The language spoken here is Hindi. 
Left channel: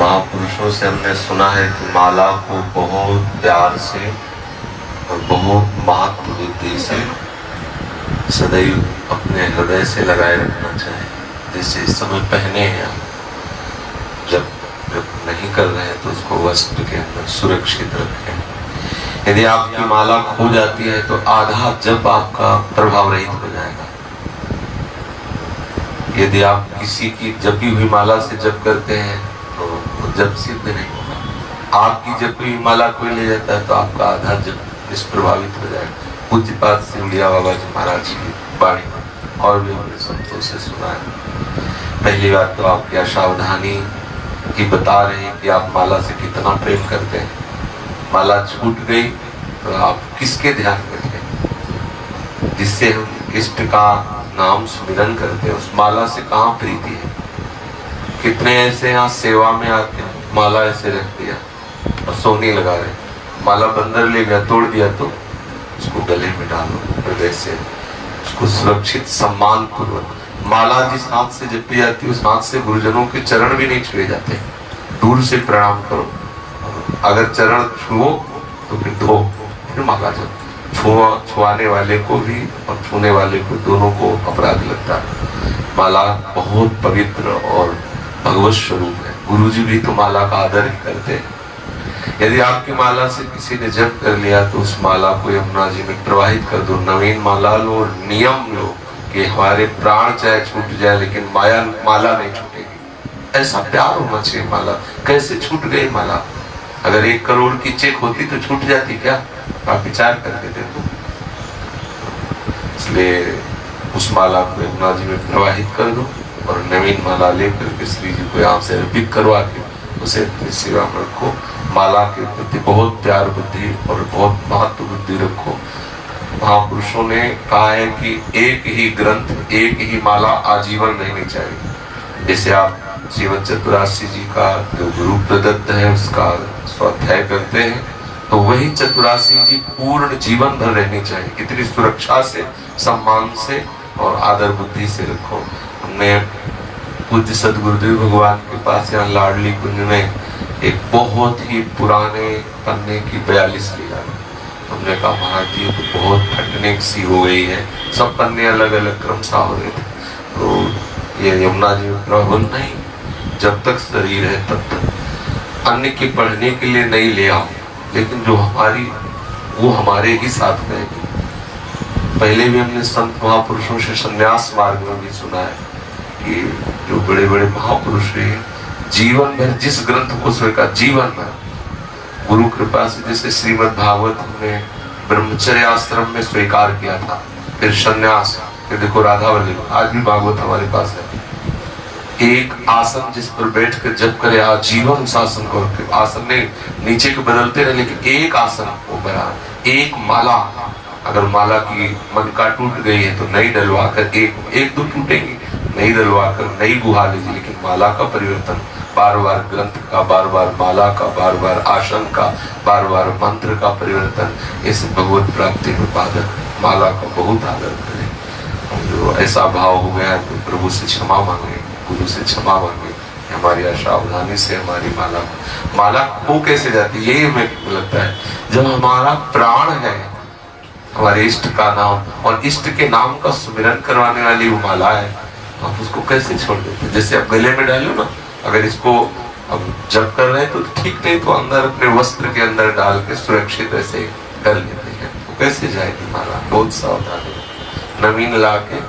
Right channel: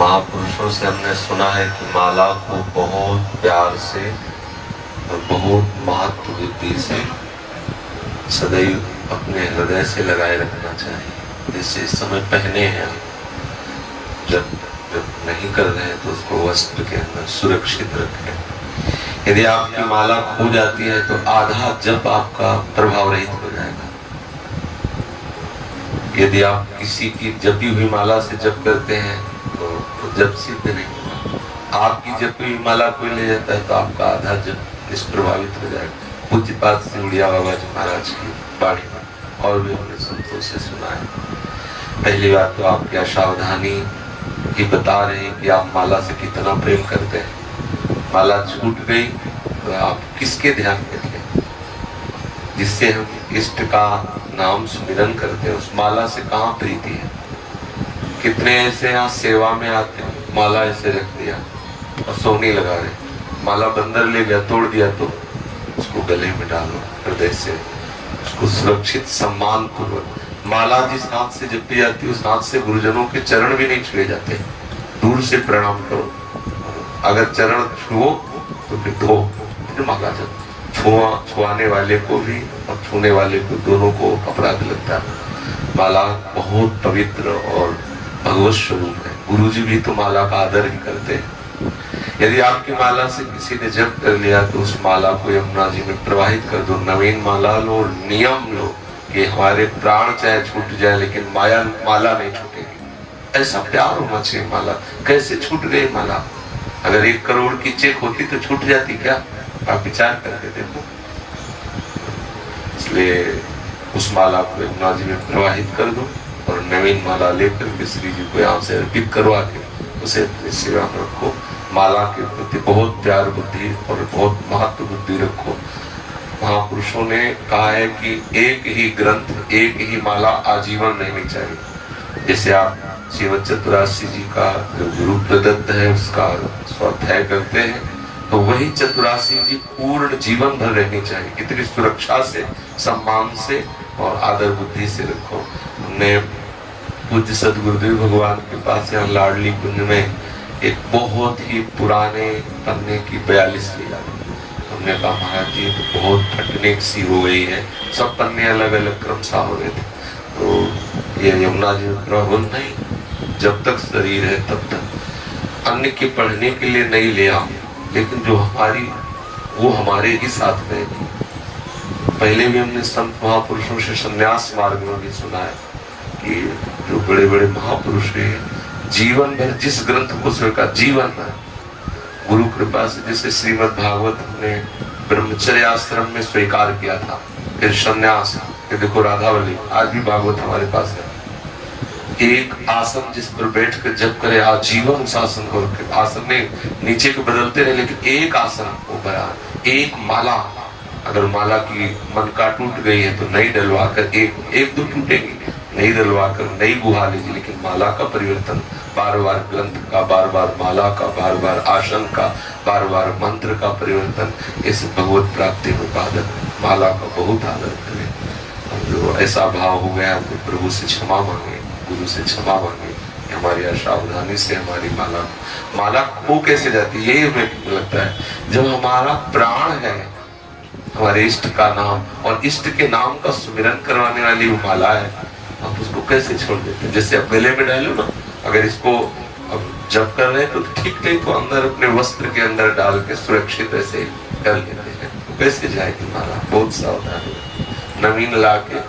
महापुरुषों से हमने सुना है कि माला को बहुत प्यार से और बहुत महत्व बुद्धि से सदैव अपने हृदय से लगाए रखना चाहिए। जैसे इस समय पहने हैं, जब नहीं कर रहे हैं तो उसको वस्त्र के अंदर सुरक्षित रखें। यदि आपकी माला खो जाती है तो आधा जप आपका प्रभाव रहित हो जाएगा। यदि आप किसी की जपी हुई माला से जप करते हैं तो जप सिद्ध नहीं होगा। आपकी जपी हुई माला कोई ले जाता है तो आपका आधा जप निष्प्रभावित हो जाएगा। पूज्यपाद सिमरिया बाबा जी महाराज की वाणी और भी हमने संतों से सुना है। पहली बात तो आप क्या सावधानी की बता रहे हैं कि आप माला से कितना प्रेम करते हैं। माला छूट गई तो आप किसके ध्यान रखें? जिससे हम इष्ट का नाम सुमिरन करते हैं उस माला से कहाँ प्रीति है। कितने ऐसे यहाँ सेवा में आते हैं, माला ऐसे रख दिया और सोने लगा रहे, माला बंदर ले गया तोड़ दिया तो उसको गले में डालो हृदय से, उसको सुरक्षित सम्मान पूर्वक। माला जिस हाथ से जपी जाती है उस हाथ से गुरुजनों के चरण भी नहीं छुए जाते, दूर से प्रणाम करो। अगर चरण छुओ तो फिर धो, फिर माला जप। छुआने वाले को भी और छूने वाले को दोनों को अपराध लगता है। माला बहुत पवित्र और भगवत स्वरूप है। गुरुजी भी तो माला का आदर ही करते हैं। यदि आपकी माला से किसी ने जप कर लिया तो उस माला को यमुना जी में प्रवाहित कर दो। नवीन माला लो, नियम लो कि हमारे प्राण चाहे छूट जाए लेकिन माला नहीं छूटेगी। ऐसा प्यार होना चाहिए। माला कैसे छूट गई माला? अगर 1 करोड़ की चेक होती तो छूट जाती क्या? आप विचार करके देखो। इसलिए उस माला को यमुना जी में प्रवाहित कर दो और नवीन माला लेकर के श्री जी को यहाँ से अर्पित करवा के उसे सेवा में रखो। माला के प्रति बहुत प्यार बुद्धि और बहुत महत्व बुद्धि रखो। महापुरुषों ने कहा है कि एक ही ग्रंथ, एक ही माला आजीवन रहनी चाहिए। जैसे आप श्रीमद चतुरासी जी का जो गुरु प्रदत्त है उसका स्वाध्याय करते हैं तो वही चतुरासी जी पूर्ण जीवन भर रहनी चाहिए। कितनी सुरक्षा से, सम्मान से और आदर बुद्धि से रखो। हमने पूज्य सदगुरुदेव भगवान के पास यहाँ लाडली कुंज में एक बहुत ही पुराने पन्ने की 42 लीला, हमने कहा महाराज जी तो बहुत फटने सी हो गई है, सब पन्ने अलग अलग क्रम सा हो रहे थे। तो ये यमुना जी प्रबंध नहीं, जब तक शरीर है तब तक अन्य के पढ़ने के लिए नहीं ले आओ, लेकिन जो हमारी वो हमारे ही साथ रहेगी। पहले भी हमने संत महापुरुषों से संन्यास मार्ग में भी सुना है कि जो बड़े बड़े महापुरुष हैं जीवन भर जिस ग्रंथ को स्वीकार, जीवन भर गुरु कृपा से, जैसे श्रीमद् भागवत हमने ब्रह्मचर्य आश्रम में स्वीकार किया था, फिर संन्यास, फिर देखो राधावली, आज भी भागवत हमारे पास है। एक आसन जिस पर बैठ कर जप करे आजीवन उस आसन को, आसन ने नीचे के बदलते रहे लेकिन एक आसन वो बना। एक माला, अगर माला की मनका टूट गई है तो नई डलवा कर, एक दो टूटेगी, नई डलवा कर नई बुहा लीजिए। लेकिन माला का परिवर्तन, बार बार ग्रंथ का, बार बार माला का, बार बार आसन का, बार बार मंत्र का परिवर्तन, इस भगवत प्राप्ति में बाधक माला का बहुत आदर करें। जो ऐसा भाव हो गया तो प्रभु से क्षमा मांगे, गुरु से क्षमा मांगे। हमारी असावधानी से हमारी माला खो कैसे जाती है? ये हमें लगता है जब हमारा प्राण है हमारे इष्ट का नाम और इष्ट के नाम का सुमिरन करवाने वाली वो माला है, आप उसको कैसे छोड़ देते हैं? जैसे आप गले में डालो ना, अगर इसको अब जब कर रहे हैं तो ठीक नहीं तो अंदर अपने वस्त्र के अंदर डाल के सुरक्षित ऐसे कर लेते हैं, तो कैसे जाएगी माला? बहुत सावधानी, नवीन ला के